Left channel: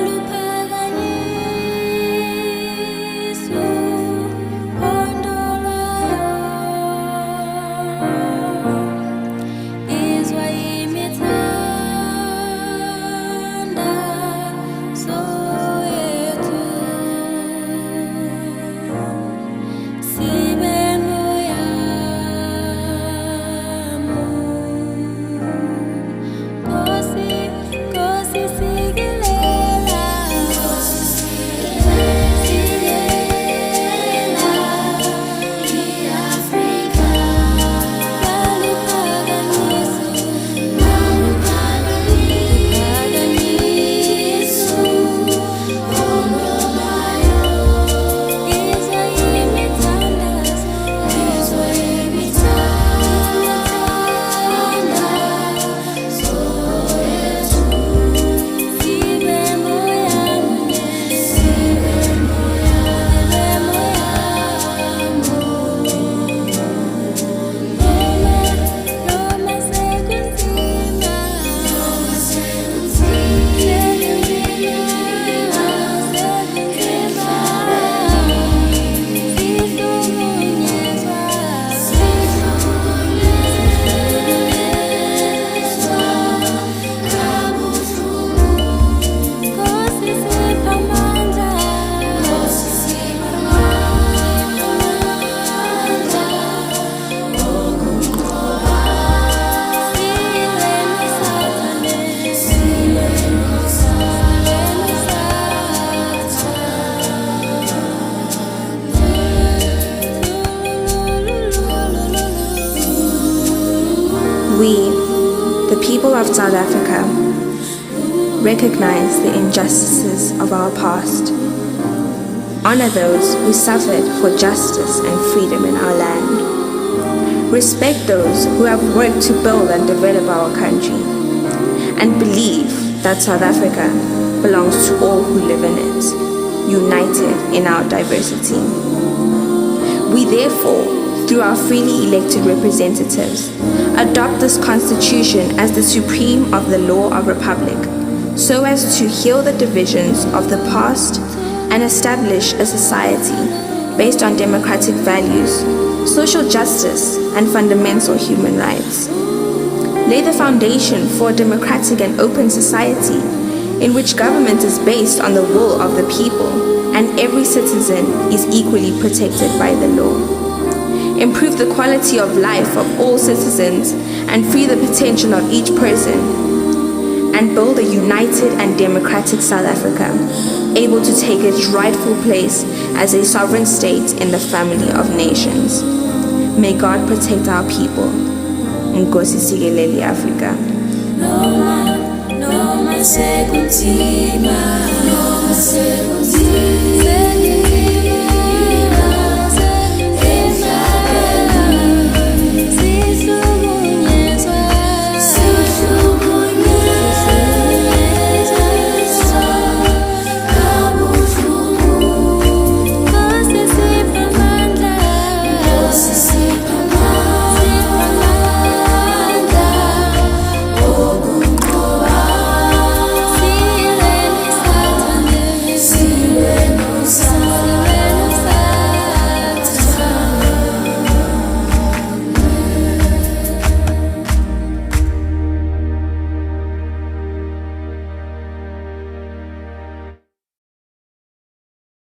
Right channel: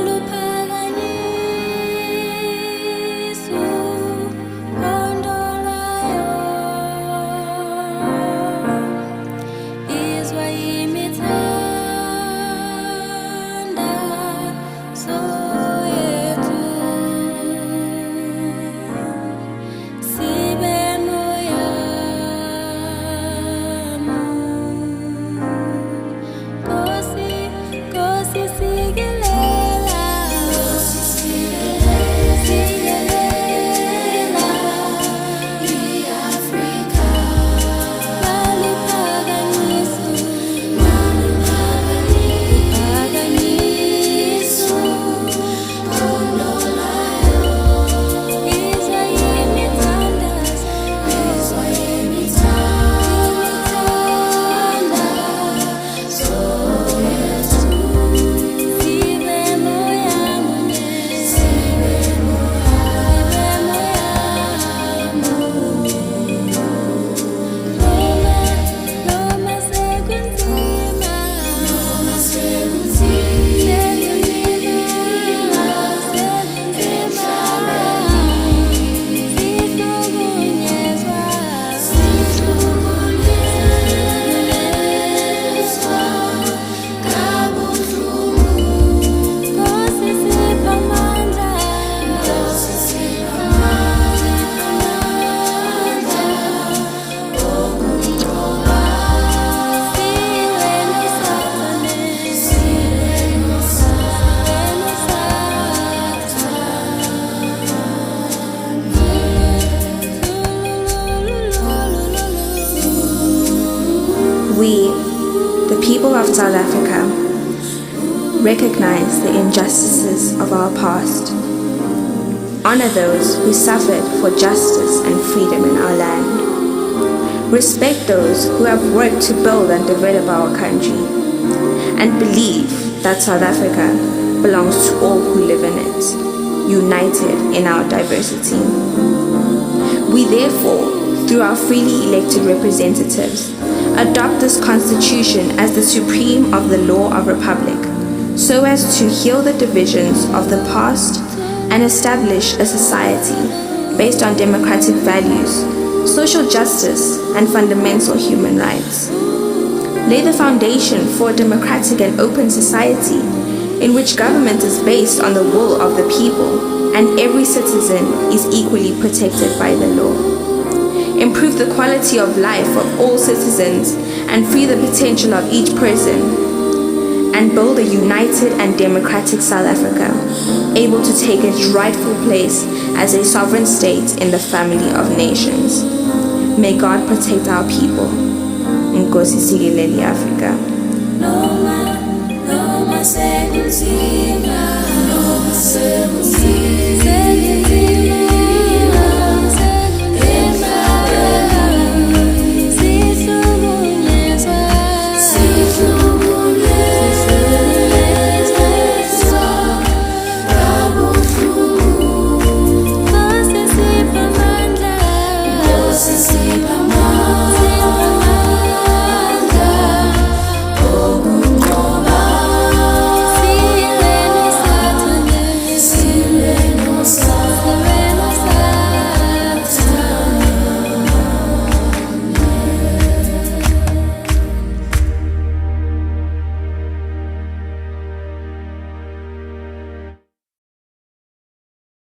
Maluphakanyisw, uphondo lwayo, Yizwa imithandazo yethu, Sibe moya, Nkosi Sikelela, Sikelela, iAfrika, Maluphakanyisw, Maluphakanyisw, Yizwa imithandazo, imithandazo yethu, Sibe moya munye, Sibe moya munye, Noma sekunzima, sekunzima, Sihlukunyezwa, kabuhlungu, Nkosi siph amandla, siph amandla, okunqoba, Silwe nosathane, We, the people of South Africa, recognize the injustices of our past, honor those who suffered for justice and freedom in our land, respect those who have worked to build and develop our country, and believe that South Africa belongs to all who live in it, united in our diversity. We therefore, through our freely elected representatives, adopt this constitution as the supreme of the law of republic, so as to heal the divisions of the past and establish a society based on democratic values, social justice, and fundamental human rights. Lay the foundation for a democratic and open society in which government is based on the will of the people and every citizen is equally protected by the law. Improve the quality of life of all citizens and free the potential of each person, and build a united and democratic South Africa, able to take its rightful place as a sovereign state in the family of nations. May God protect our people. Nkosi Sikelel, iAfrika. Noma sekunzima.